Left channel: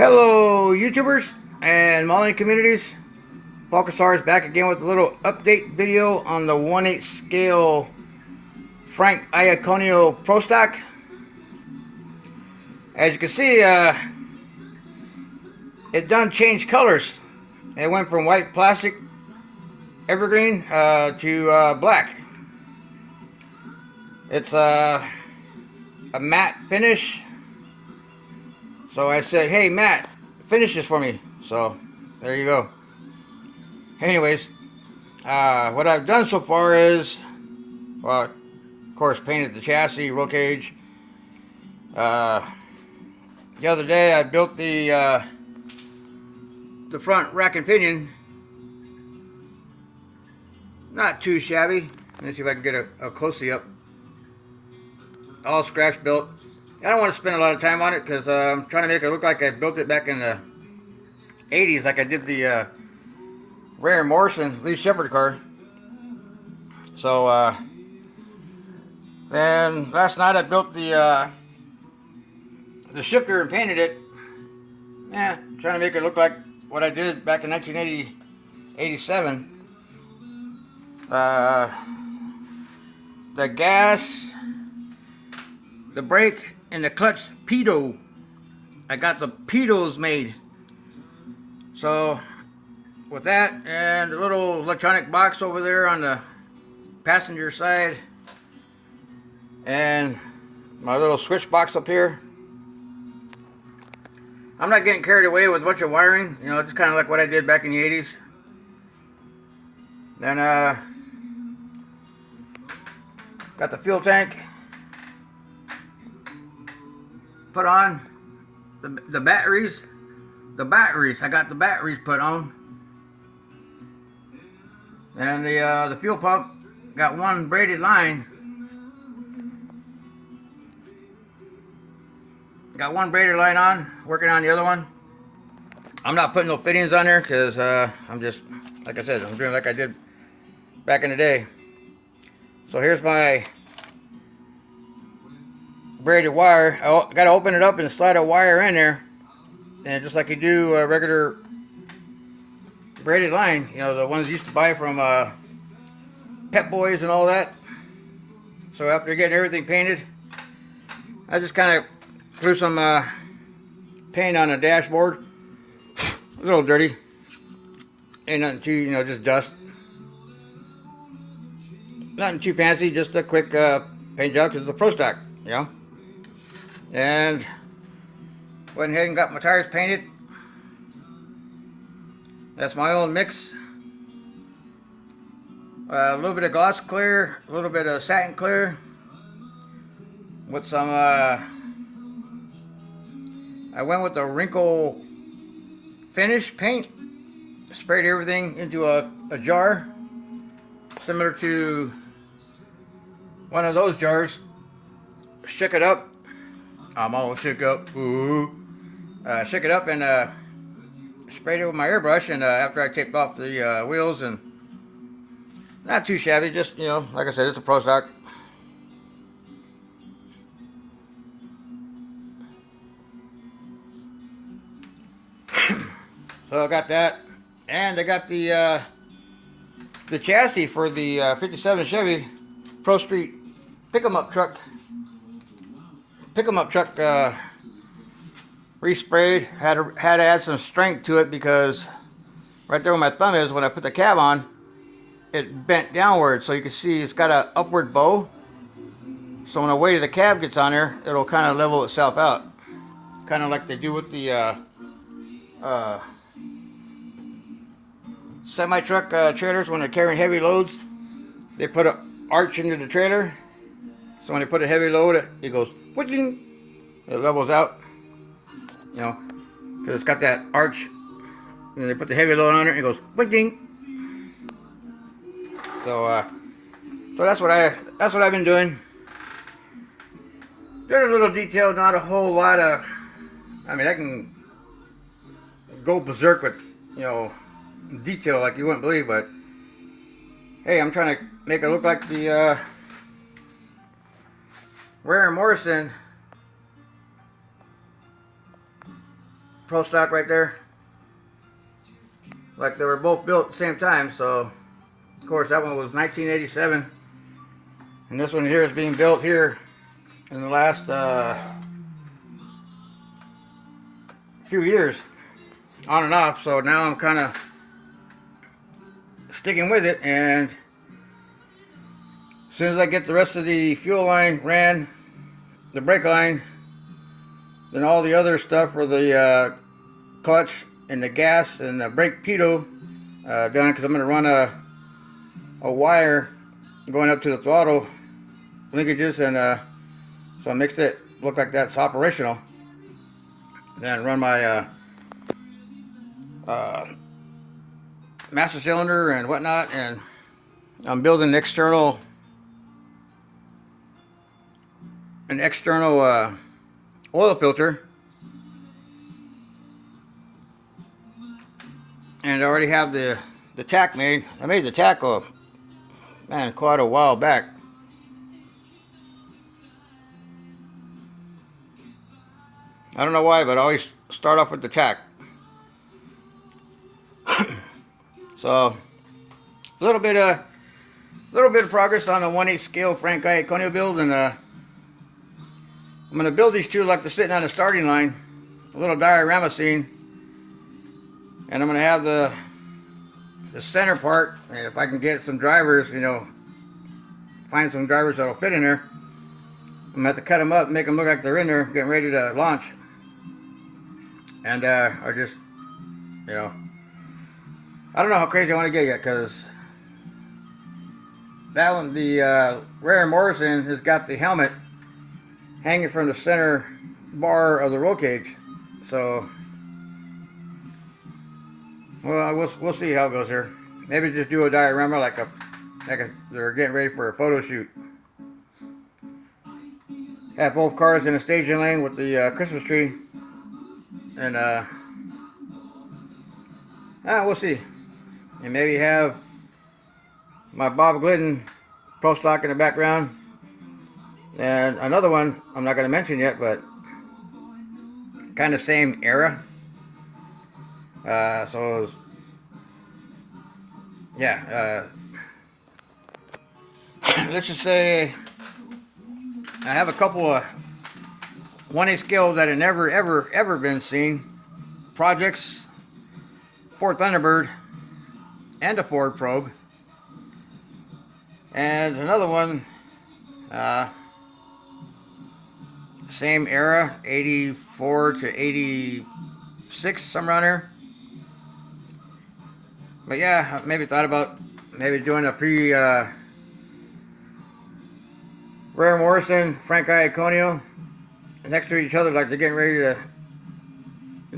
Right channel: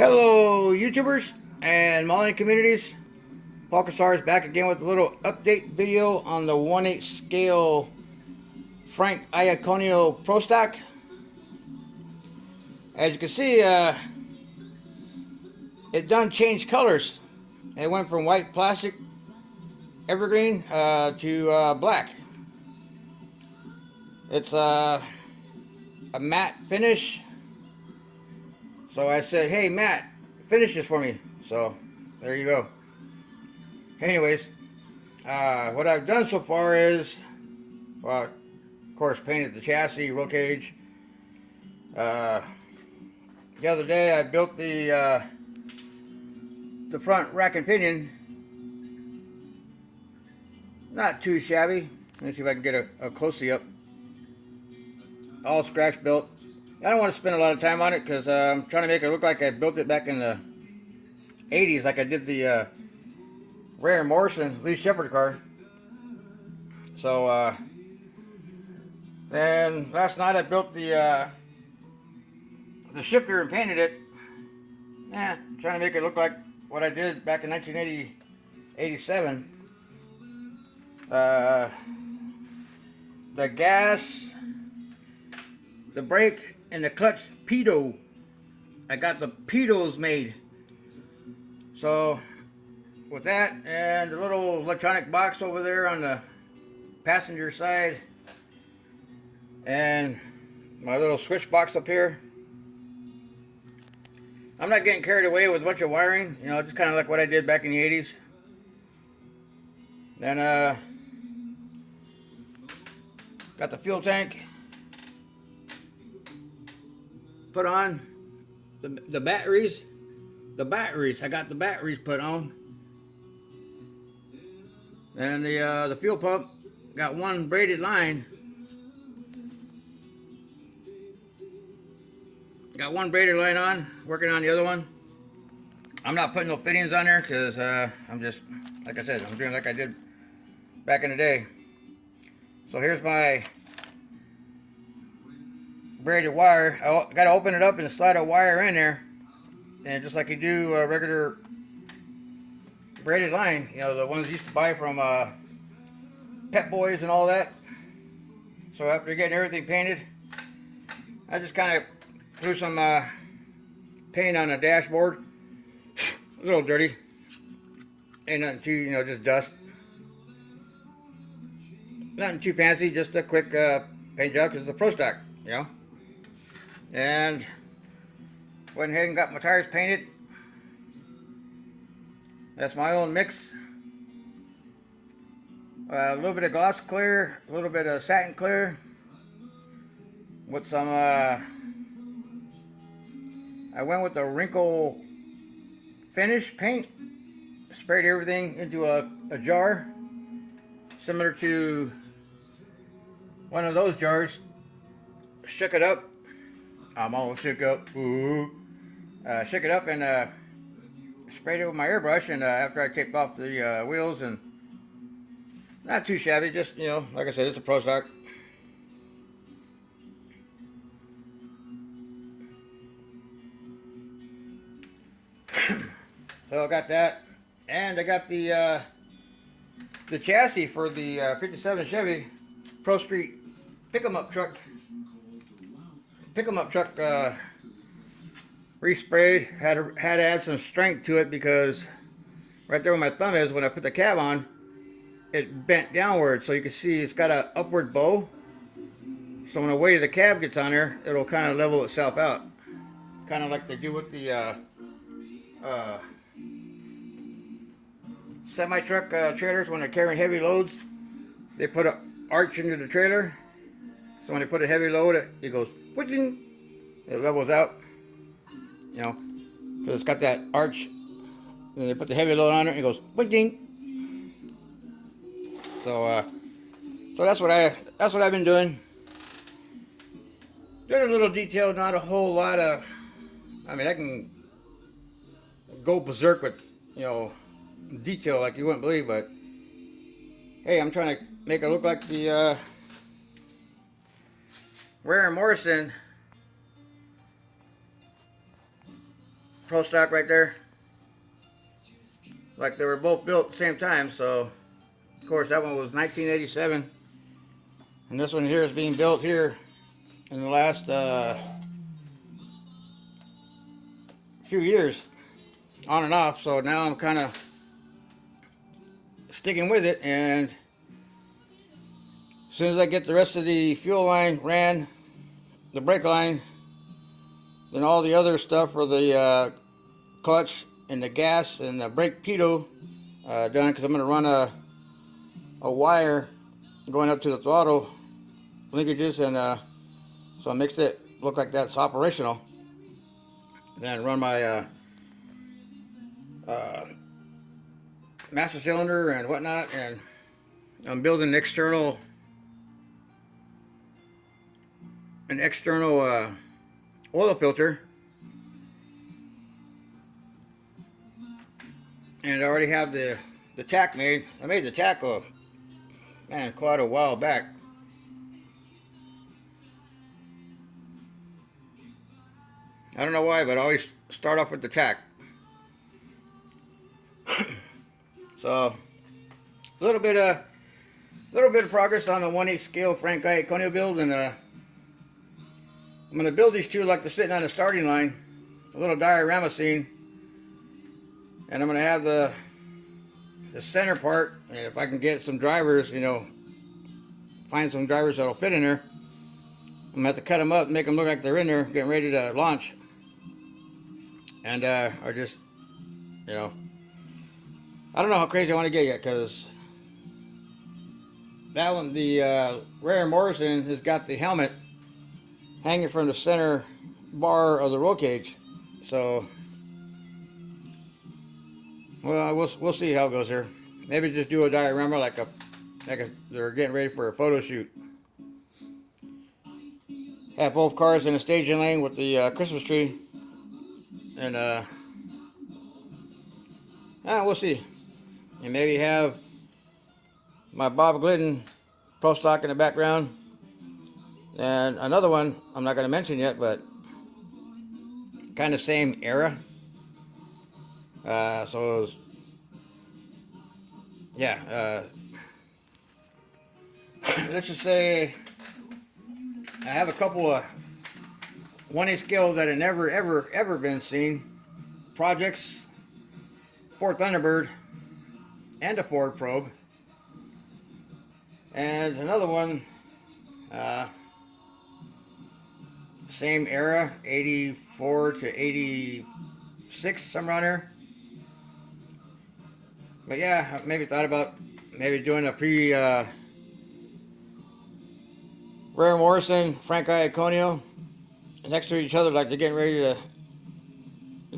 Hello YouTubers and Molly communities. Focusar is back again with a little update video on the 1/8 scale Frank Iaconio Pro Stock. As you can see, it done changed colors. It went from white plastic evergreen to black. It's a matte finish. So I said, hey Matt, finish this for me. So there you go. Anyways, what I've done so far is, well, of course, painted the chassis, roll cage. The other day I built the front rack and pinion. Not too shabby. Let me see if I can get a close-up up. All scratch built. I don't want to spend a lot of time on it because I'm trying to make it look like I built it back in the 80s, like I did the Ray Morrison Lee Shepherd car. So then last night I built the shifter and painted it. Trying to make it look like what I did back in 1987. The gas, the brake, and the clutch pitot. I got the pitos made. So with that and the little electronic box over there on the passenger side and my little switch box up here, I'm not getting carried away with a bunch of wiring, you know, just kind of like what I did back in the 80s. Then got the fuel tank put on, the batteries. I got the batteries put on, and the fuel pump got one braided line. Got one braided line on, working on the other one. I'm not putting no fittings on there because I'm just, like I said, I'm doing like I did back in the day. So here's my braided wire. I got to open it up and slide a wire in there, and just like you do a regular braided line, you know, the ones you used to buy from Pep Boys and all that. So after getting everything painted, I just kind of threw some paint on the dashboard. A little dirty, ain't nothing too, you know, just dust. Nothing too fancy, just a quick paint job because it's a Pro Stock, you know. And went ahead and got my tires painted. That's my own mix. A little bit of gloss clear, a little bit of satin clear, with some, I went with the wrinkle finish paint. Sprayed everything into a jar, similar to one of those jars. Shook it up. I'm all shook up. Ooh. Shook it up and sprayed it with my airbrush, and after I taped off the wheels, and not too shabby, just, you know, like I said, it's a Pro Stock. So I got that, and I got the chassis for the 57 Chevy Pro Street pick-em-up truck. Resprayed. Had to add some strength to it because right there where my thumb is, when I put the cab on, it bent downward, so you can see it's got an upward bow. So when the weight of the cab gets on there, it'll kind of level itself out, kind of like they do with the semi-truck trailers when they're carrying heavy loads. They put an arch into the trailer, so when they put a heavy load, it goes whooshing, it levels out, you know, because it's got that arch. And they put the heavy load on it, it goes whooshing. So so that's what I've been doing. Doing a little detail, not a whole lot of. I mean, I can go berserk with, you know, detail like you wouldn't believe, but hey, I'm trying to make it look like the Ray Morrison Pro Stock right there. Like they were both built at the same time, so of course that one was 1987. And this one here is being built here in the last few years, on and off. So now I'm kind of sticking with it, and as soon as I get the rest of the fuel line ran, the brake line, then all the other stuff for the clutch and the gas and the brake pitot done, because I'm going to run a wire going up to the throttle linkages, and so I mix it look like that's operational. Then run my master cylinder and whatnot, and I'm building an external oil filter, and I already have the tack made. I made the tack quite a while back. I don't know why, but I always start off with the tack. So a little bit of progress on the 1/8 scale Frank Iaconio build, and I'm going to build these two like they're sitting on the starting line, a little diorama scene, and I'm going to have the center part, and if I can get some drivers, find some drivers that'll fit in there, I'm going to have to cut them up and make them look like they're in there getting ready to launch. And or just, I don't know how crazy I want to get yet, because that one, the Rare Morrison, has got the helmet hanging from the center bar of the roll cage. So, well, we'll see how it goes here. Maybe just do a diorama like they're getting ready for a photo shoot. Have both cars in a staging lane with the Christmas tree, and we'll see. And maybe have my Bob Glidden Pro Stock in the background, and another one I'm not going to mention yet, but kind of same era. So it was, yeah, let's just say I have a couple of 1/8 scales that have never ever been seen projects, Ford Thunderbird and a Ford Probe, and another one, same era, 84 to 86, somewhere around here. But yeah, maybe thought about maybe doing a Rare Morrison, Frank Iaconio next to each other, like they're getting ready to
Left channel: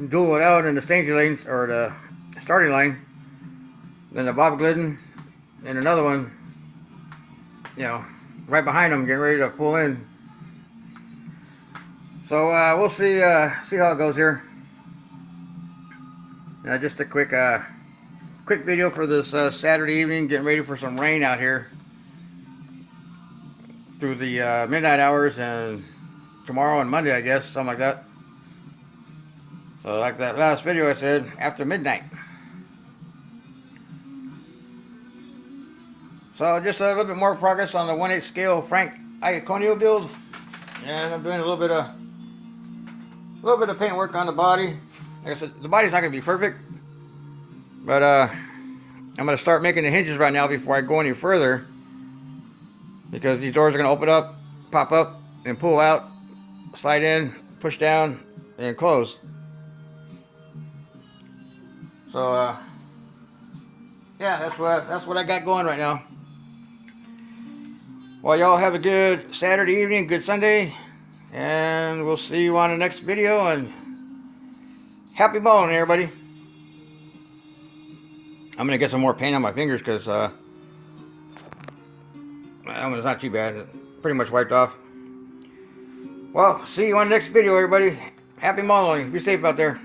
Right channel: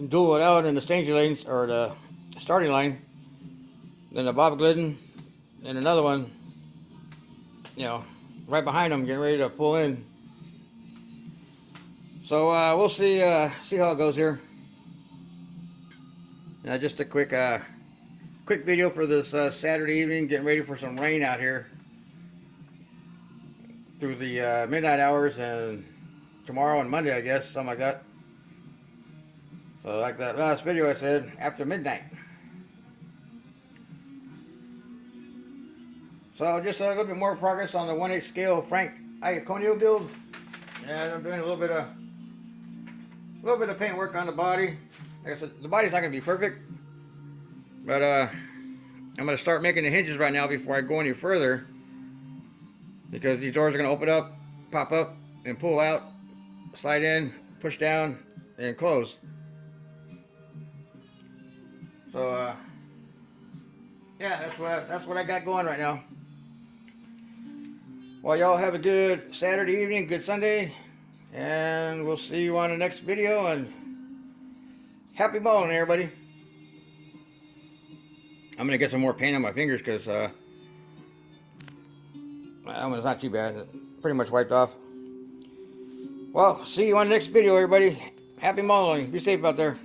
duel it out in the staging lanes, or the starting line. Then the Bob Glidden, and another one, right behind them, getting ready to pull in. So we'll see how it goes here. Just a quick video for this Saturday evening, getting ready for some rain out here through the midnight hours, and tomorrow and Monday, I guess, something like that. So like that last video I said, after midnight. So just a little bit more progress on the 1/8 scale Frank Iaconio build, and I'm doing a little bit of paint work on the body. Like I said, the body's not going to be perfect, but I'm going to start making the hinges right now before I go any further, because these doors are going to open up, pop up, and pull out, slide in, push down, and close. So yeah, that's what I got going right now. Well, y'all have a good Saturday evening, good Sunday, and we'll see you on the next video, and happy mauling, everybody. I'm going to get some more paint on my fingers, because that one's not too bad. It's pretty much wiped off. Well, see you on the next video, everybody. Happy mauling. Be safe out there.